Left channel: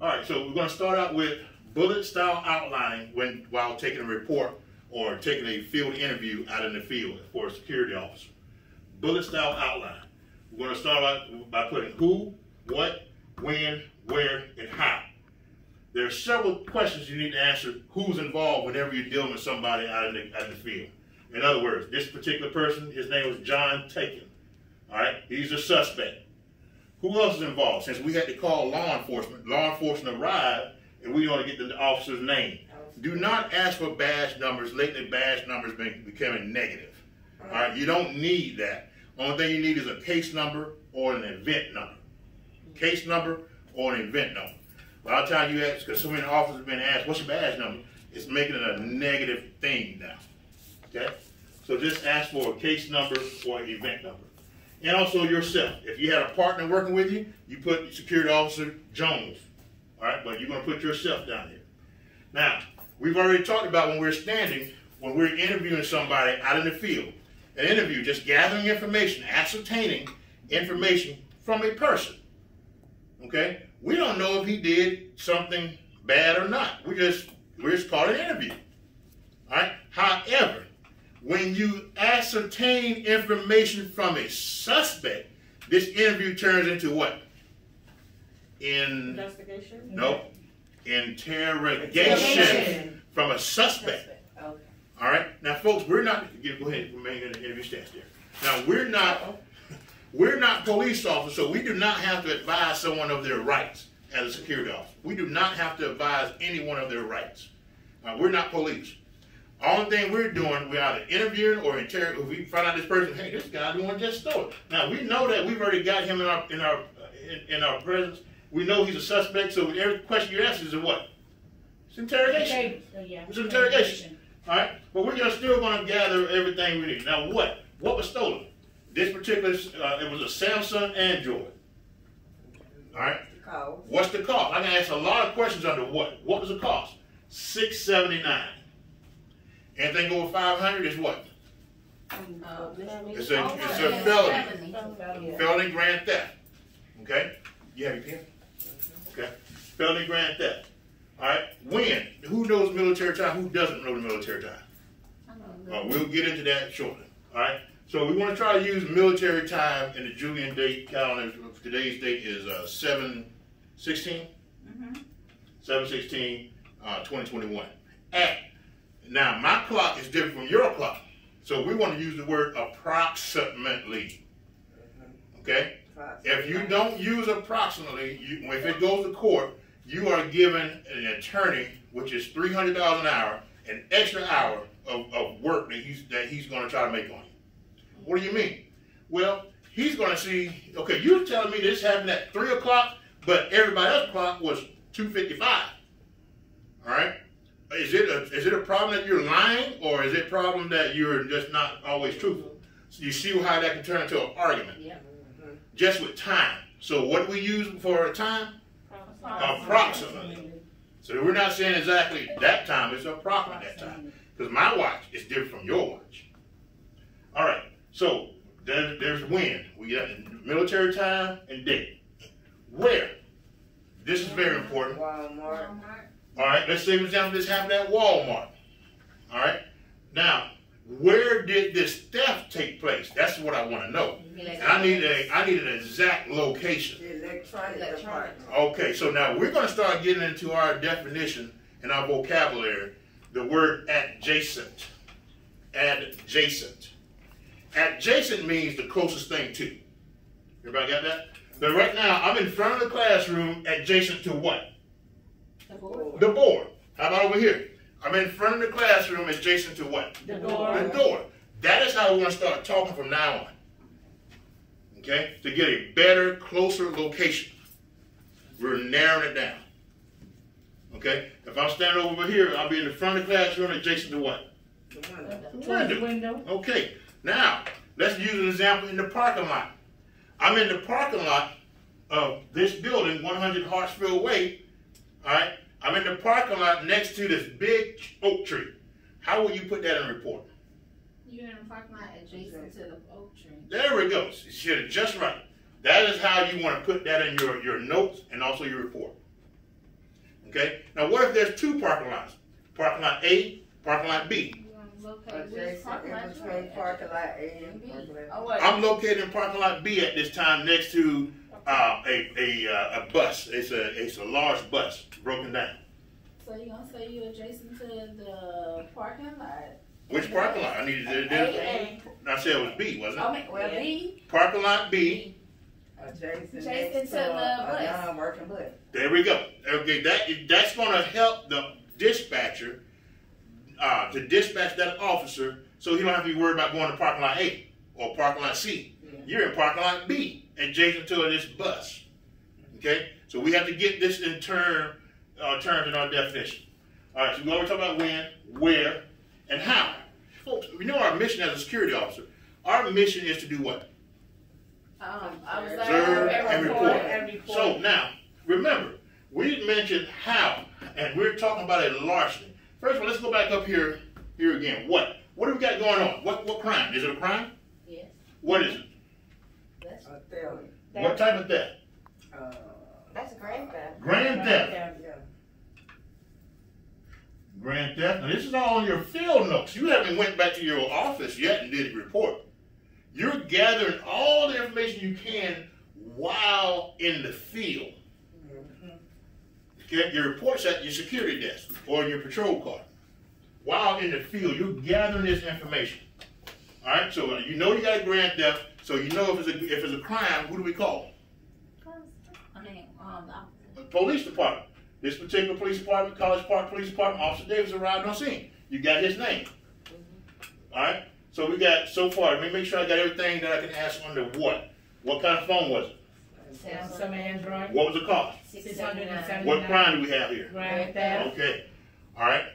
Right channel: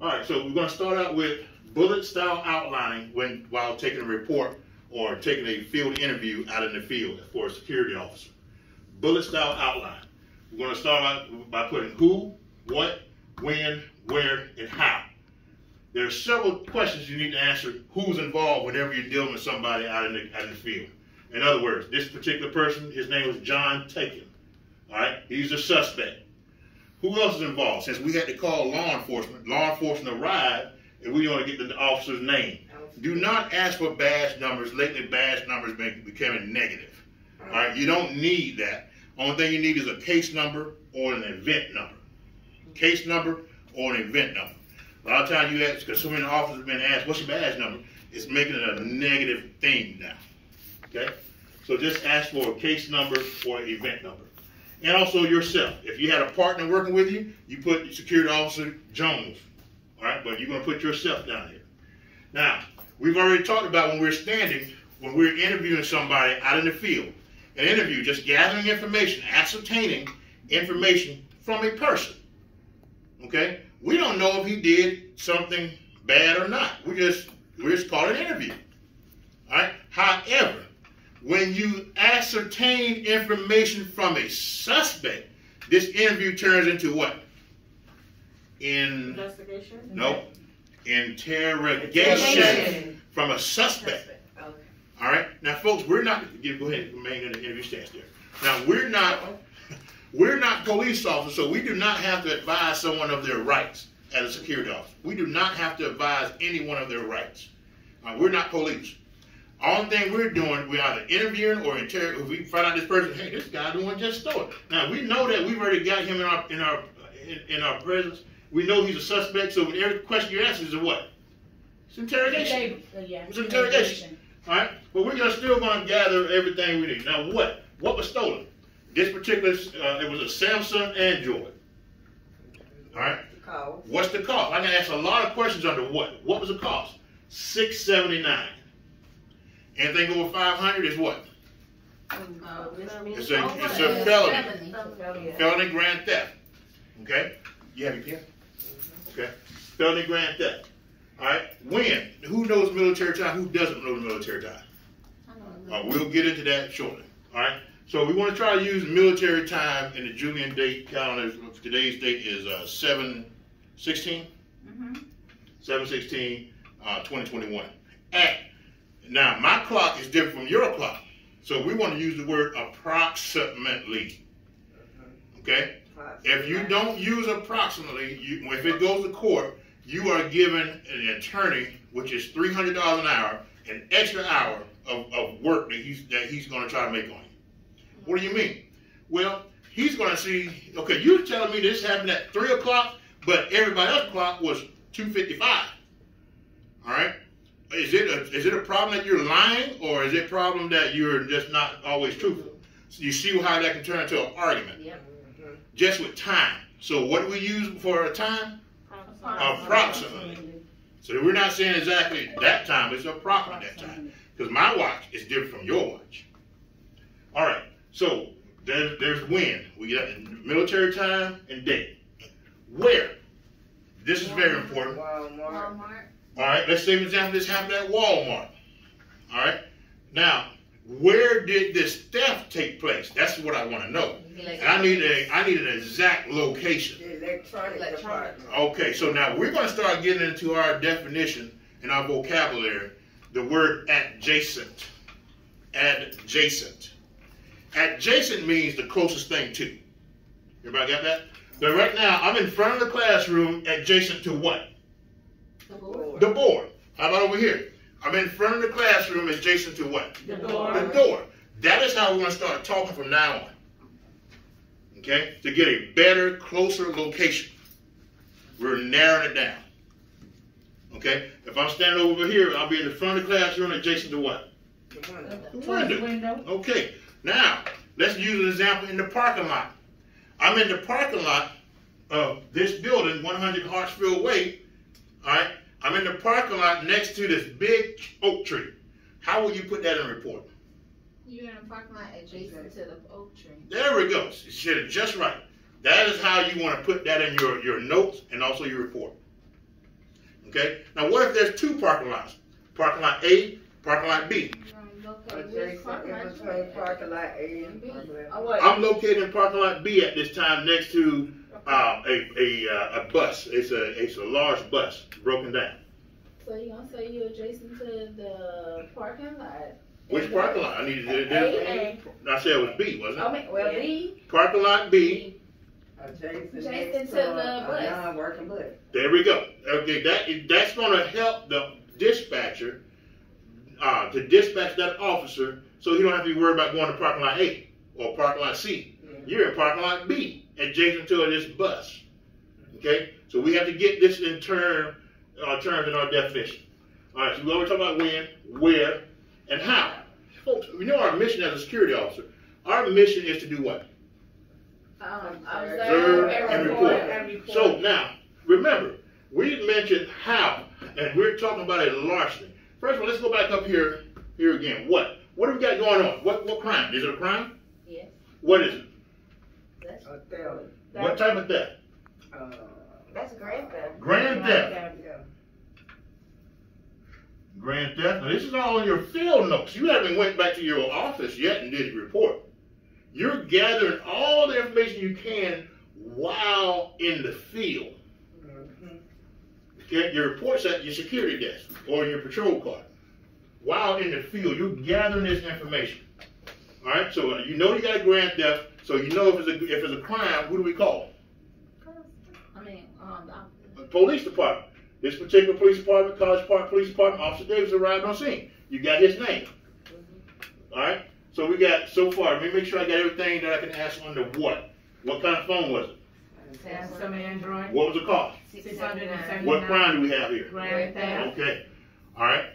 All right, so we're going to start out with bullet style outlining while taking a report or taking a field interview out in the field for a security officer. Bullet style outline. We're going to start out by putting who, what, when, where, and how. There are several questions you need to answer. Who's involved whenever you're dealing with somebody out in the field. In other words, this particular person, his name was John Taken. All right, he's a suspect. Who else is involved? Since we had to call law enforcement arrived, and we want to get the officer's name. Do not ask for badge numbers. Lately, badge numbers becoming negative. All right, you don't need that. Only thing you need is a case number or an event number. Case number or an event number. A lot of times you ask, because so many officers have been asked, what's your badge number? It's making it a negative thing now. Okay? So just ask for a case number or an event number. And also yourself. If you had a partner working with you, you put Security Officer Jones. All right? But you're going to put yourself down here. Now, we've already talked about when we're standing, when we're interviewing somebody out in the field. An interview, just gathering information, ascertaining information from a person. Okay? We don't know if he did something bad or not. We just call it an interview. All right? However, when you ascertain information from a suspect, this interview turns into what? Investigation? No. Interrogation from a suspect. Okay. All right? Now, folks, we're not, go ahead, remain in the interview stance there. Now, we're not police officers, so we do not have to advise someone of their rights as a security officer. We do not have to advise anyone of their rights. We're not police. Only thing we're doing, we're either interviewing or interrogating. If we find out this person, hey, this guy the one just stole it. Now we know that we've already got him in our presence. We know he's a suspect. So every question you ask is a what? It's interrogation. It's interrogation. All right, but we're still going to gather everything we need. Now what? What was stolen? This particular, it was a Samsung Android. All right. What's the cost? I can ask a lot of questions under what. What was the cost? $679. Anything over 500 is what? It's a felony. Felony grand theft. Okay? You have your pen? Okay. Felony grand theft. All right. When? Who knows military time? Who doesn't know the military time? We'll get into that shortly. All right. So we want to try to use military time in the Julian date calendar. Today's date is 7/16. 7/16/2021. Now, my clock is different from your clock. So we want to use the word approximately. Okay? If you don't use approximately, if it goes to court, you are given an attorney, which is $300 an hour, an extra hour of work that he's going to try to make on you. What do you mean? Well, he's going to see, okay, you're telling me this happened at 3 o'clock, but everybody else's clock was 2:55. All right? Is it a problem that you're lying, or is it a problem that you're just not always truthful? So you see how that can turn into an argument. Yeah. Just with time. So what do we use for a time? Approximately. So we're not saying exactly that time, it's approximately that time. Because my watch is different from your watch. All right. So there's when. We got military time and date. Where? This is very important. Walmart. All right, let's say, for example, this happened at Walmart. All right, now, where did this theft take place? That's what I want to know. And I need an exact location. Electronic department. Okay, so now we're going to start getting into our definition and our vocabulary. The word adjacent. Adjacent. Adjacent means the closest thing to. Everybody got that? But right now, I'm in front of the classroom adjacent to what? The board. The board. How about over here? I'm in front of the classroom adjacent to what? The door. The door. That is how we're going to start talking from now on. Okay? To get a better, closer location. We're narrowing it down. Okay? If I'm standing over here, I'll be in the front of the classroom adjacent to what? The window. Okay. Now, let's use an example in the parking lot. I'm in the parking lot of this building, 100 Hartsfield Way. All right? I'm in the parking lot next to this big oak tree. How will you put that in a report? You're in a parking lot adjacent to the oak tree. There we go. She did it just right. That is how you want to put that in your notes and also your report. Okay? Now, what if there's two parking lots? Parking lot A, parking lot B. Parking lot A and parking lot. Oh, what? I'm located in parking lot B at this time next to a bus. It's a large bus broken down. So you gonna say you adjacent to the parking lot? Which parking lot? I needed to do. I said it was B, wasn't it? I mean, well, B. Parking lot B. Adjacent to the bus. Non-working bus. There we go. Okay, that's going to help the dispatcher to dispatch that officer, so he don't have to be worried about going to parking lot A or parking lot C. Yeah. You're in parking lot B, adjacent to this bus. Okay, so we have to get this in terms in our definition. All right, so we always talk about when, where, and how. Folks, we know our mission as a security officer. Our mission is to do what? Observe and report. So now, remember, we mentioned how, and we're talking about a larceny. First of all, let's go back up here again. What have we got going on? What crime? Is it a crime? Yes. What is it? That's a theft. What type of theft? That's grand theft. Grand theft. Yeah. Grand theft. Now, this is all in your field notes. You haven't went back to your office yet and did a report. You're gathering all the information you can while in the field. Okay? Your report's at your security desk or in your patrol car. While in the field, you're gathering this information. All right? So you know you got a grand theft. So you know if it's a crime, who do we call? The police department. This particular police department, College Park Police Department, Officer Davis arrived on scene. You got his name. All right? So we got, so far, let me make sure I got everything that I can ask under what? What kind of phone was it? Samsung Android. What was the cost? $679. What crime do we have here? Grand theft. Okay. All right.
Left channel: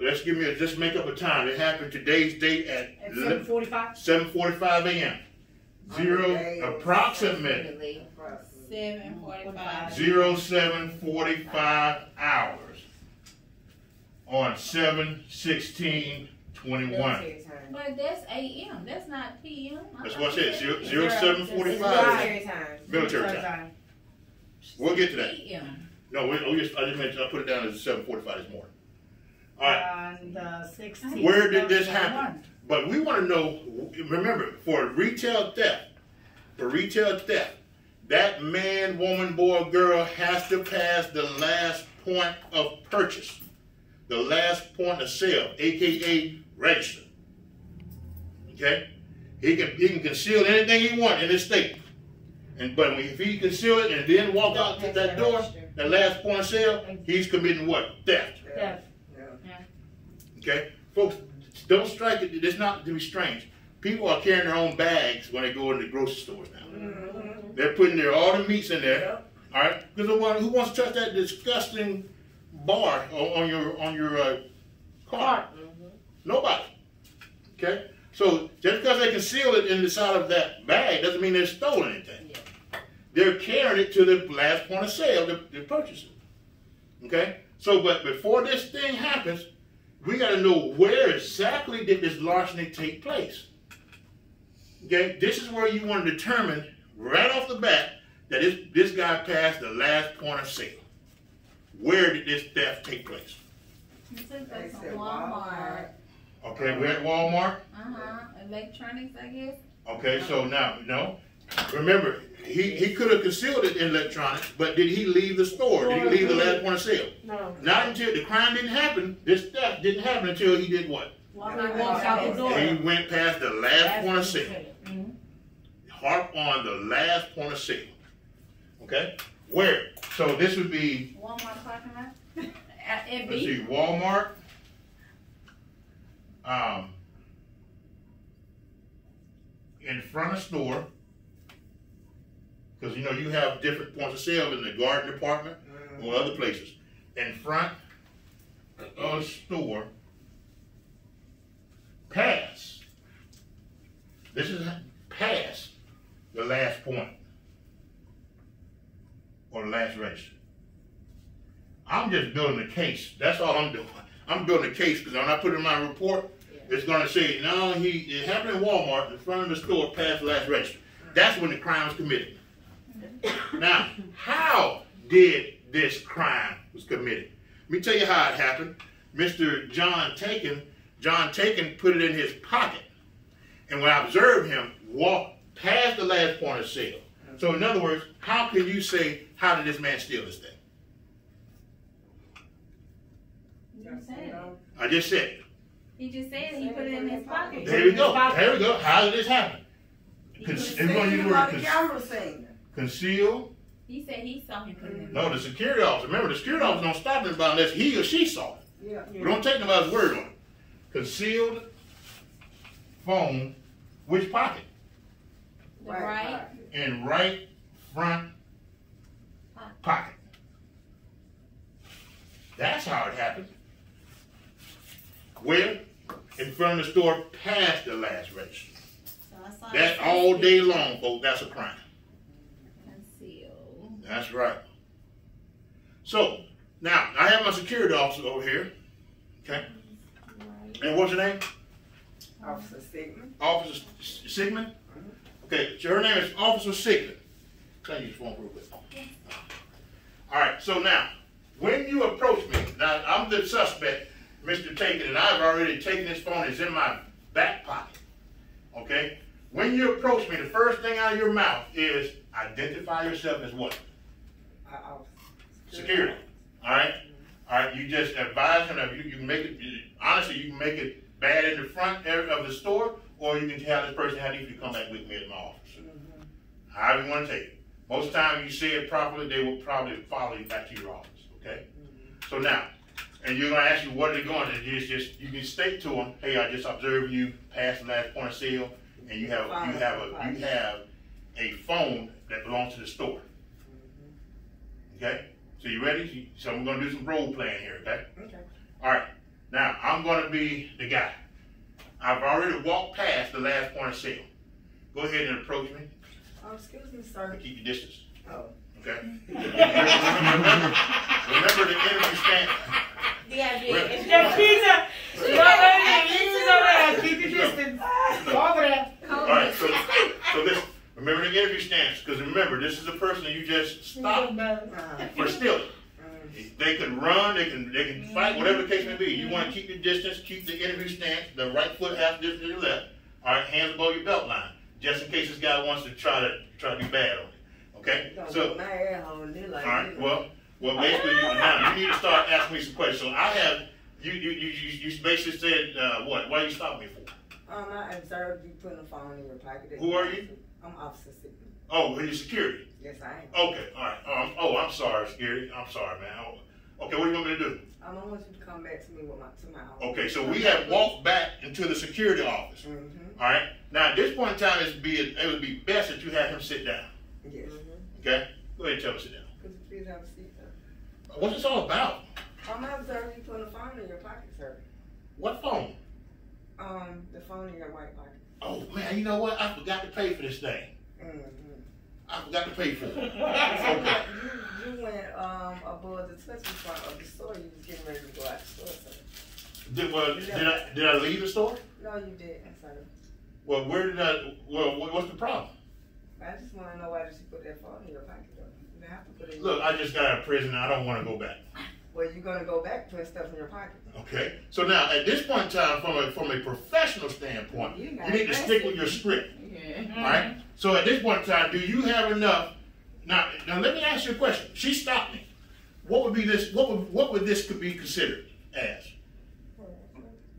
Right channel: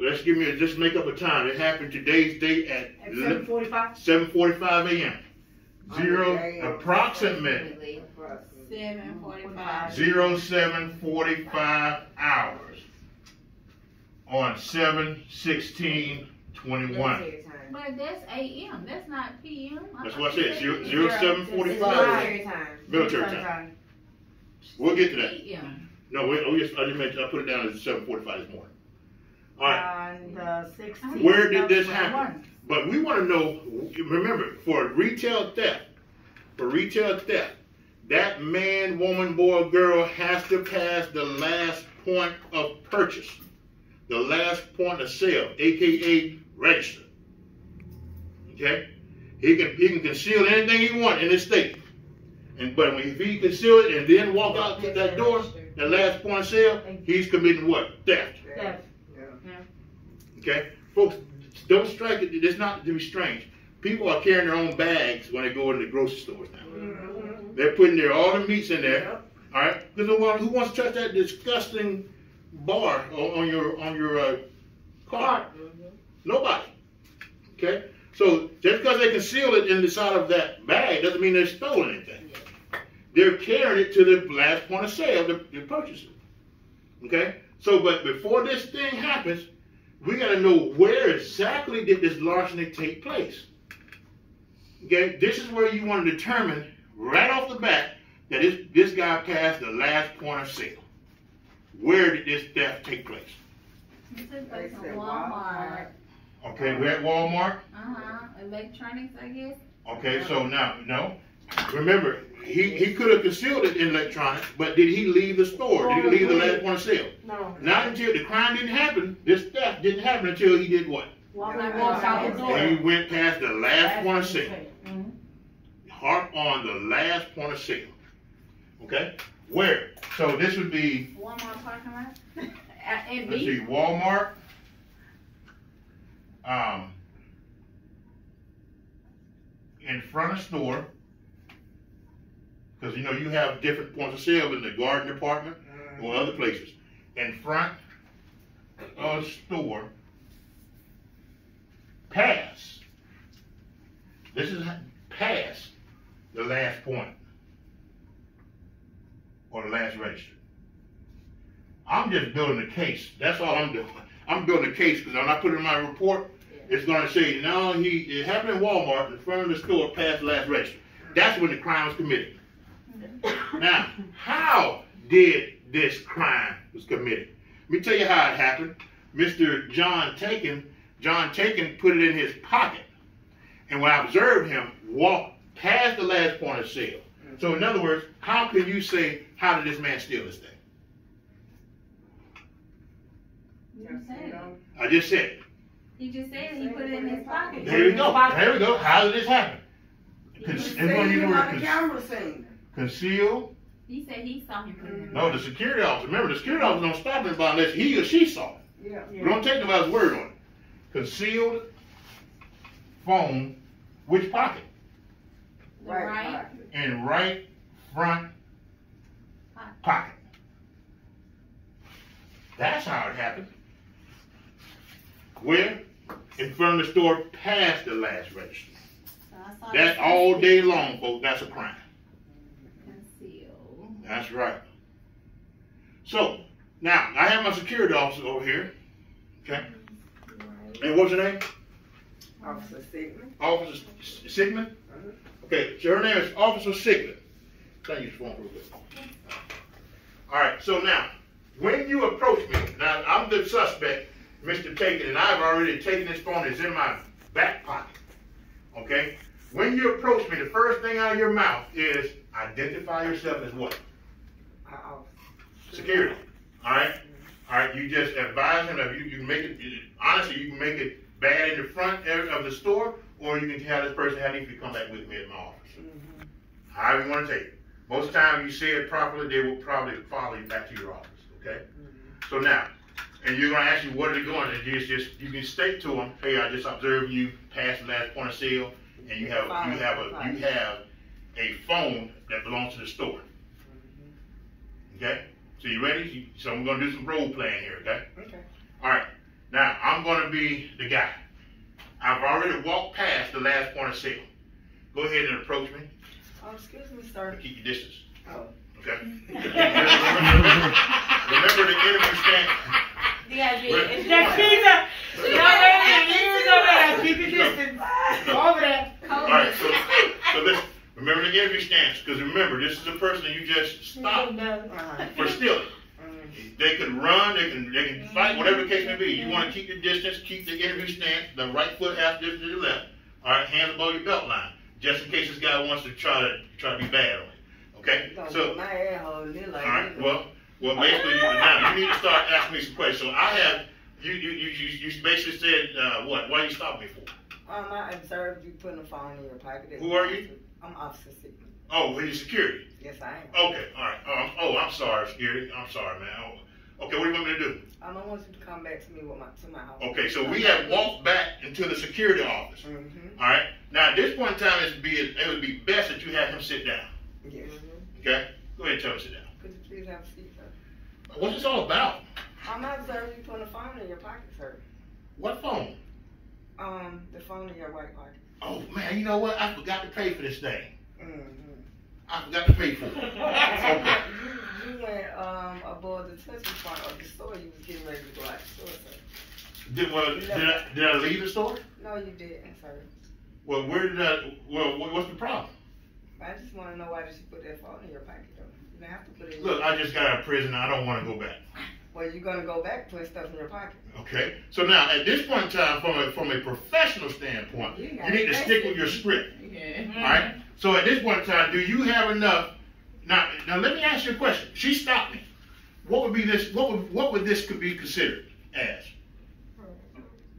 Let's just make up a time. It happened today's date at 7:45. 7:45 a.m. Approximately 7:45. 07:45 hours on 7/16/21. But that's AM. That's not PM. That's what I said. 07:45 military time. We'll get to that. AM. No, I just mentioned I put it down as 7:45 this morning. All right. On the 16th. Where did this happen? But we want to know. Remember, for retail theft, that man, woman, boy, girl has to pass the last point of purchase, the last point of sale, aka register. Okay, he can conceal anything he wants in this state, but if he conceal it and then walk out to that door, that last point of sale, he's committing what? Theft. Theft. Okay, folks, don't strike it. It's not to be strange. People are carrying their own bags when they go into the grocery stores now. They're putting all the meats in there. All right, because who wants to touch that disgusting bar on your car? Nobody. Okay, so just because they conceal it in the side of that bag doesn't mean they've stolen anything. They're carrying it to the last point of sale to purchase it. Okay, so but before this thing happens, we got to know where exactly did this larceny take place. Okay, this is where you want to determine right off the bat that this guy passed the last point of sale. Where did this theft take place? Walmart. Okay, we're at Walmart. Electronics, I guess. Okay, so now, no. Remember, he could have concealed it in electronics, but did he leave the store? Did he leave the last point of sale? No. Not until the crime didn't happen. This theft didn't happen until he did what? Walked out the door. He went past the last point of sale. Harp on the last point of sale. Okay? Where? So this would be, Walmart parking lot. let's see, Walmart. In front of store. Because you know you have different points of sale in the garden department or other places. In front of store. Pass. This is pass the last point or the last register. I'm just building a case. That's all I'm doing. I'm building a case because when I put it in my report, it's going to say, no, it happened in Walmart in front of the store past the last register. That's when the crime was committed. Now, how did this crime was committed. Let me tell you how it happened. Mr. John Taken put it in his pocket. And when I observed him, walk past the last point of sale. So in other words, how can you say, how did this man steal this thing? I just said it. He just said he put it in his pocket. There we go. There we go. How did this happen? Conceal. He said he saw him put it in. No, the security officer. Remember, the security officer don't stop anybody unless he or she saw it. Yeah. We don't take nobody's word on it. Concealed phone, which pocket? The right. In right front pocket. That's how it happened. Where? In front of the store past the last register. So That's all day long, folks. That's a crime. Conceal. That's right. So, now, I have my security officer over here. Okay? Right. And what's her name? Officer Sigmund. Officer Sigmund? Okay, so her name is Officer Sigmund. Can I use your phone real quick? All right, so now, when you approach me, now I'm the suspect, Mr. Taken, and I've already taken this phone. It's in my back pocket. Okay? When you approach me, the first thing out of your mouth is identify yourself as what? Security. All right? All right, you just advise him that you can make it, honestly, you can make it bad in the front area of the store, or you can tell this person how need to come back with me at my office. However you want to take it. Most of the time, if you say it properly, they will probably follow you back to your office. Okay? So now, and you're going to ask you what are they going to do. Just you can state to them, hey, I just observed you past the last point of sale, and you have a phone that belongs to the store. Okay? So you ready? So we're going to do some role playing here, okay? Okay. All right. Now, I'm going to be the guy. I've already walked past the last point of sale. Go ahead and approach me. Excuse me, sir. Keep your distance. Oh. Okay? Remember the interview stand. Keep your distance. Over there. All right, so listen. Remember the interview stance, because remember, this is a person that you just stopped for stealing. They could run, they can fight, whatever the case may be. You want to keep your distance, keep the interview stance, the right foot half distance to the left. All right, hands above your belt line, just in case this guy wants to try to be bad on you. Okay? So, all right, well, basically, now you need to start asking me some questions. So I have, you basically said, what? Why you stopped me for? I observed you putting a phone in your pocket. Who are you? I'm Officer Sigmund. Oh, you're security. Yes, I am. Okay, all right. I'm sorry, security. I'm sorry, man. Okay, what do you want me to do? I want you to come back to me with my office. Okay, so we have walked back into the security office. All right. Now at this point in time, it would be best that you have him sit down. Yes. Okay. Go ahead and tell him to sit down. Could you please have a seat, sir? What's this all about? I'm observing you putting a phone in your pocket, sir. What phone? The phone in your right pocket. Oh man, you know what? I forgot to pay for this thing. I forgot to pay for it. Okay. You went aboard the touch front of the store. You was getting ready to go out the store, sir. Did I leave the store? No, you didn't, sir. Well, what's the problem? I just want to know why did you put that phone in your pocket, though? You didn't have to put it in Look, I just got out of prison. I don't want to go back. Well, you're going to go back putting stuff in your pocket. Okay. So now, at this point in time, from a professional standpoint, you need to stick with your script. Yeah. All right? So at this point in time, do you have enough? Now let me ask you a question. She stopped me. What would be this? What would this could be considered as?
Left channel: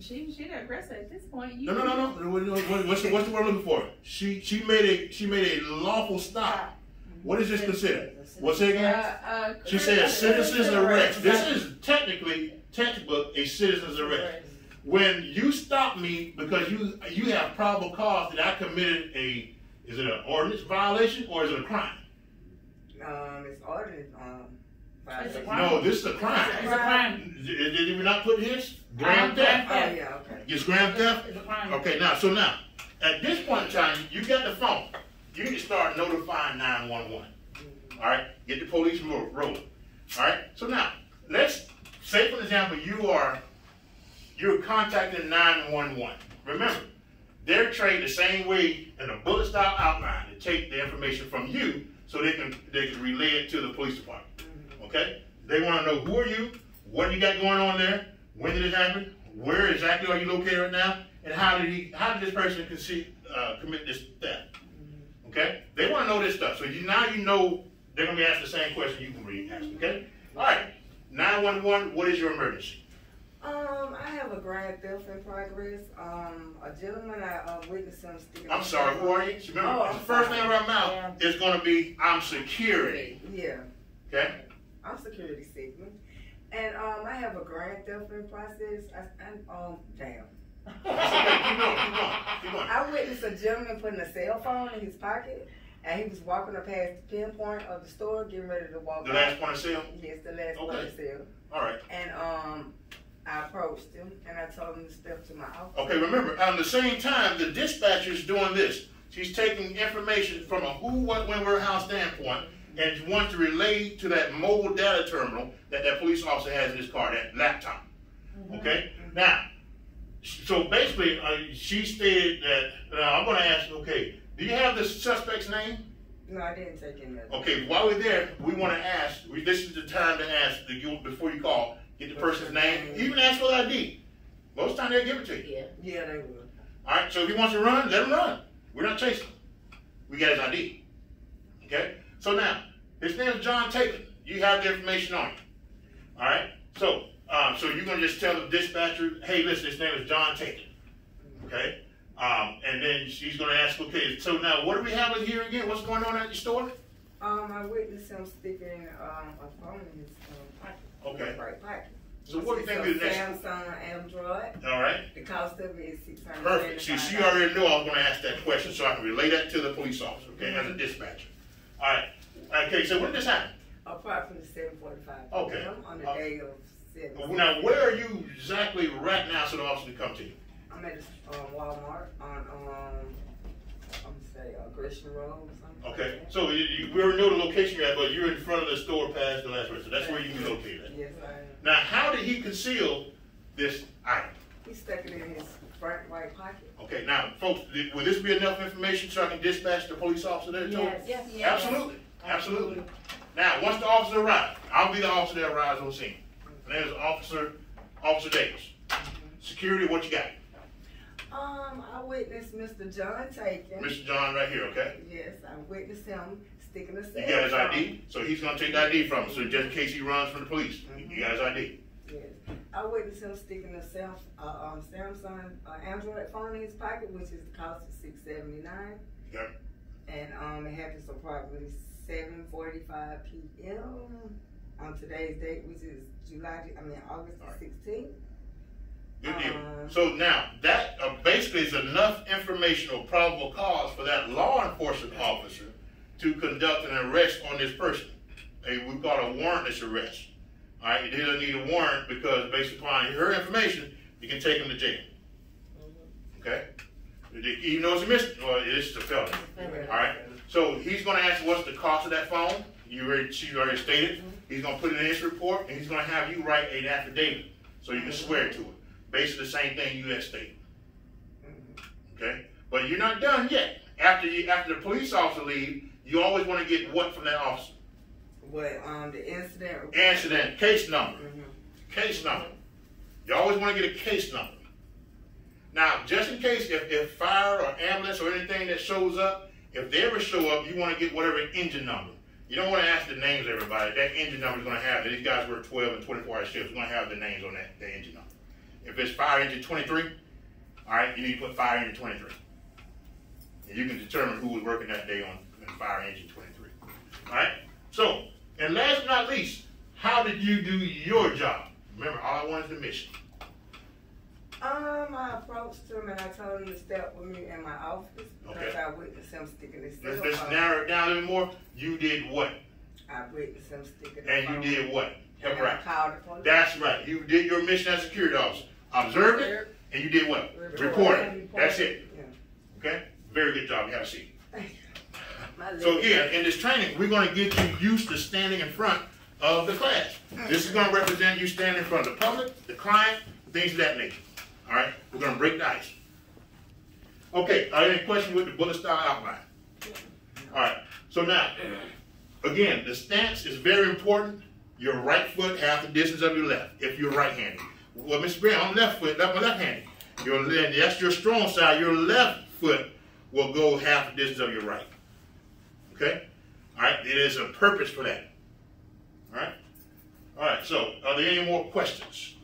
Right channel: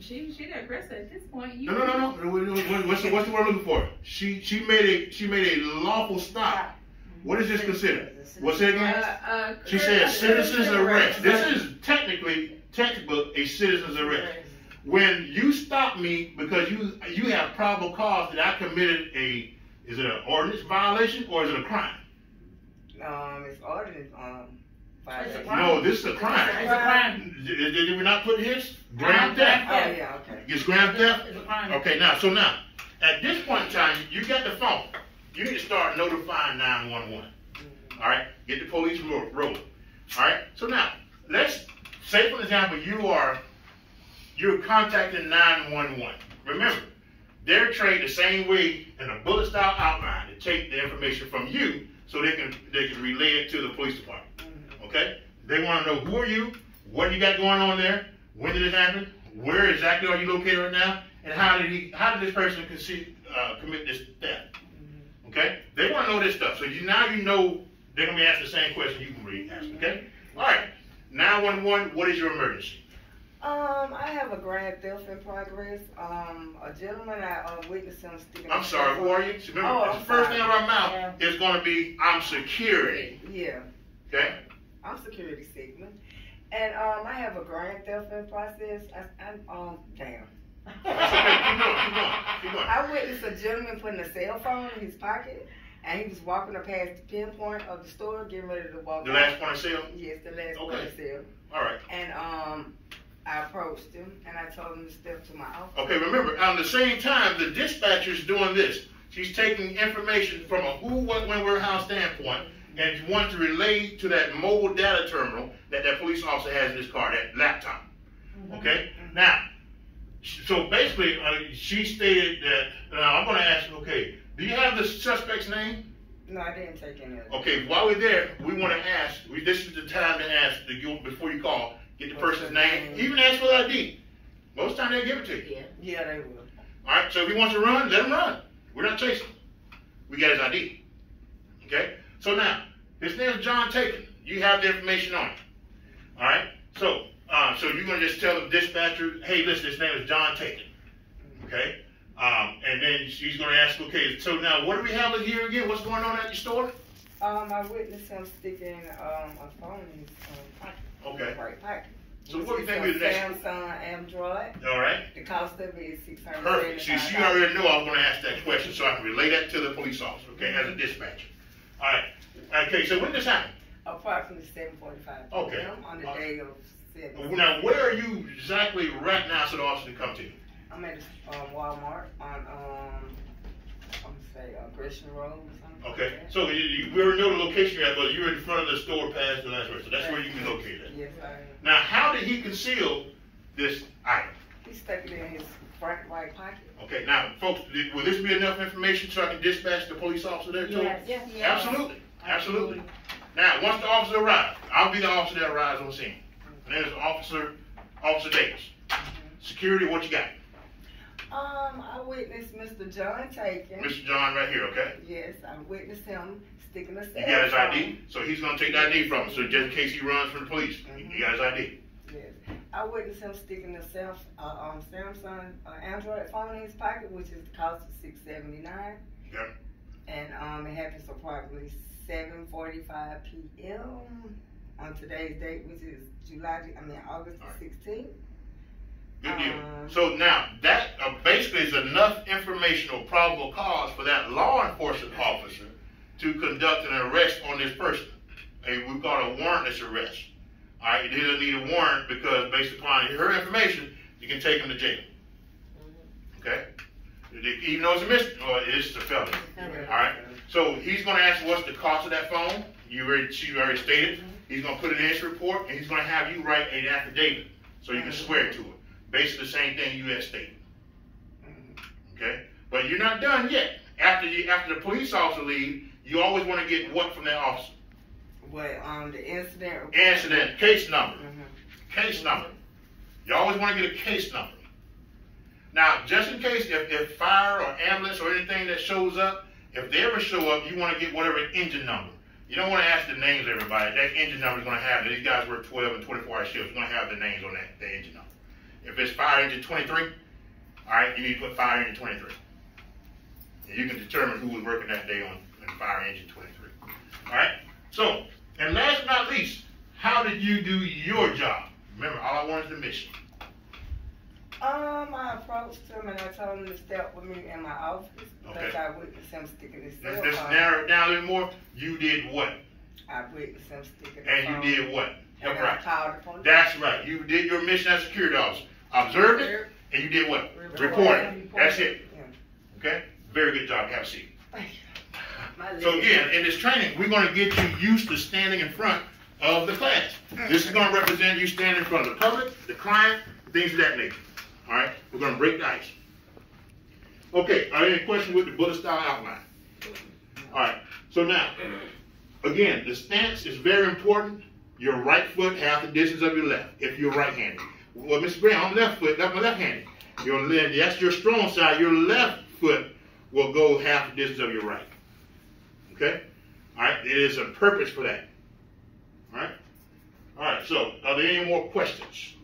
She the aggressor at this point. No. What's the word I'm looking for? She made a lawful stop. What is this considered? What's it again? She said citizen's arrest. This is technically textbook a citizen's arrest. When you stop me because you have probable cause that I committed is it an ordinance violation or is it a crime? It's ordinance violation. No, this is a crime. It's a crime. Did we not put his grand theft? Oh, yeah, okay. It's grand theft? It's a crime. Okay, now, at this point in time, you got the phone. You need to start notifying 911. All right? Get the police rolling. All right? So now, let's say, for example, you're contacting 911. Remember, they're trained the same way in a bullet style outline to take the information from you so they can relay it to the police department. Okay? They want to know who are you, what you got going on there, when did it happen, where exactly are you located right now, and how did this person commit this theft? Okay? They want to know this stuff. So now you know they're going to be asked the same question you can really ask. Okay? All right. 911, what is your emergency? I have a grand theft in progress. A gentleman, I witnessed him sticking. I'm sorry, who are you? Remember, the first name of our mouth is going to be, I'm security. Yeah. Okay? I'm security Sigmund. And I have a grand theft in process. Damn. That's okay. Keep going. I witnessed a gentleman putting a cell phone in his pocket, and he was walking up past the pinpoint of the store, getting ready to walk. The last point of sale? Yes, the last point of sale. All right. And I approached him, and I told him to step to my office. Okay, remember, at the same time, the dispatcher's doing this. She's taking information from a who, what, when, where, how standpoint, and she wants to relay to that mobile data terminal that police officer has in his car, that laptop. Okay? Now, so basically, she stated that, now I'm going to ask, okay, do you have the suspect's name? No, I didn't take any of it. Okay, while we're there, we want to ask, this is the time to ask, before you call, get the person's name, even ask for the ID. Most times they'll give it to you. Yeah, they will. All right, so if he wants to run, let him run. We're not chasing him. We got his ID. Okay? So now, his name is John Taylor. You have the information on him. All right? So you're going to just tell the dispatcher, hey, listen, his name is John Taylor. Okay? And then she's going to ask, okay, so now what do we have here again? What's going on at your store? I witnessed him sticking a phone in his pocket. Okay. Right pocket. So what do you think we the next? Samsung Android. All right. The cost of it is $600. Perfect. See, she already knew I was going to ask that question, so I can relay that to the police officer, okay, as a dispatcher. All right. Okay, so when did this happen? Approximately 7:45 Okay. p.m. on the day of 7. Now, where are you exactly right now so the officer can come to you? I'm at Walmart on I'm gonna say Gresham Road or something. Okay. So we already know the location you're at, but you're in front of the store past the last word, so that's where you can be located at. Yes, I am. Now, how did he conceal this item? He stuck it in his front right pocket. Okay. Now, folks, will this be enough information so I can dispatch the police officer there too? Yes. Absolutely. Absolutely. Now, once the officer arrives, I'll be the officer that arrives on scene. My name is Officer Davis. Security, what you got? I witnessed Mr. John taking. Mr. John right here, okay? Yes, I witnessed him sticking a cell You got his phone. ID? So he's going to take the ID from him, so just in case he runs from the police, you got his ID. Yes. I witnessed him sticking a Samsung Android phone in his pocket, which is the cost of $679. Yep. And it happens approximately 7:45 p.m. on today's date, which is August the 16th. Good deal. So now, that basically is enough information or probable cause for that law enforcement officer to conduct an arrest on this person. We call it a warrantless arrest. All right, he doesn't need a warrant because based upon her information, you can take him to jail. Okay? Even though it's a misdemeanor, or it's a felony. All right? So he's going to ask what's the cost of that phone. She already stated. He's going to put it in his report, and he's going to have you write an affidavit so you can swear to it. Basically the same thing you had stated. Okay? But you're not done yet. After the police officer leaves, you always want to get what from that officer? What, the incident report? Incident, case number. Case number. You always want to get a case number. Now, just in case if fire or ambulance or anything that shows up, if they ever show up, you want to get whatever engine number. You don't want to ask the names of everybody. That engine number is going to have, these guys work 12 and 24-hour shifts. It's going to have the names on the engine number. If it's fire engine 23, all right, you need to put fire engine 23. And you can determine who was working that day on fire engine 23. All right? So, and last but not least, how did you do your job? Remember, all I want is the mission. I approached him and I told him to step with me in my office because I witnessed him sticking his cell phone. Let's narrow it down a little more. You did what? I witnessed him sticking his phone. And you did what? Help right. I called the police. That's right. You did your mission as a security officer. Observed it, and you did what? Reported. That's it. Yeah. Okay? Very good job. Have a seat. Thank you. So again, in this training, we're going to get you used to standing in front of the class. This is going to represent you standing in front of the public, the client, things of that nature. All right? We're going to break the ice. Okay. Are there any questions with the bullet style outline? All right. So now, again, the stance is very important. Your right foot half the distance of your left, if you're right-handed. Well, Mr. Brown, I'm left foot, that's my left-handed. That's your strong side. Your left foot will go half the distance of your right. Okay? All right? It is a purpose for that. All right? All right, so are there any more questions?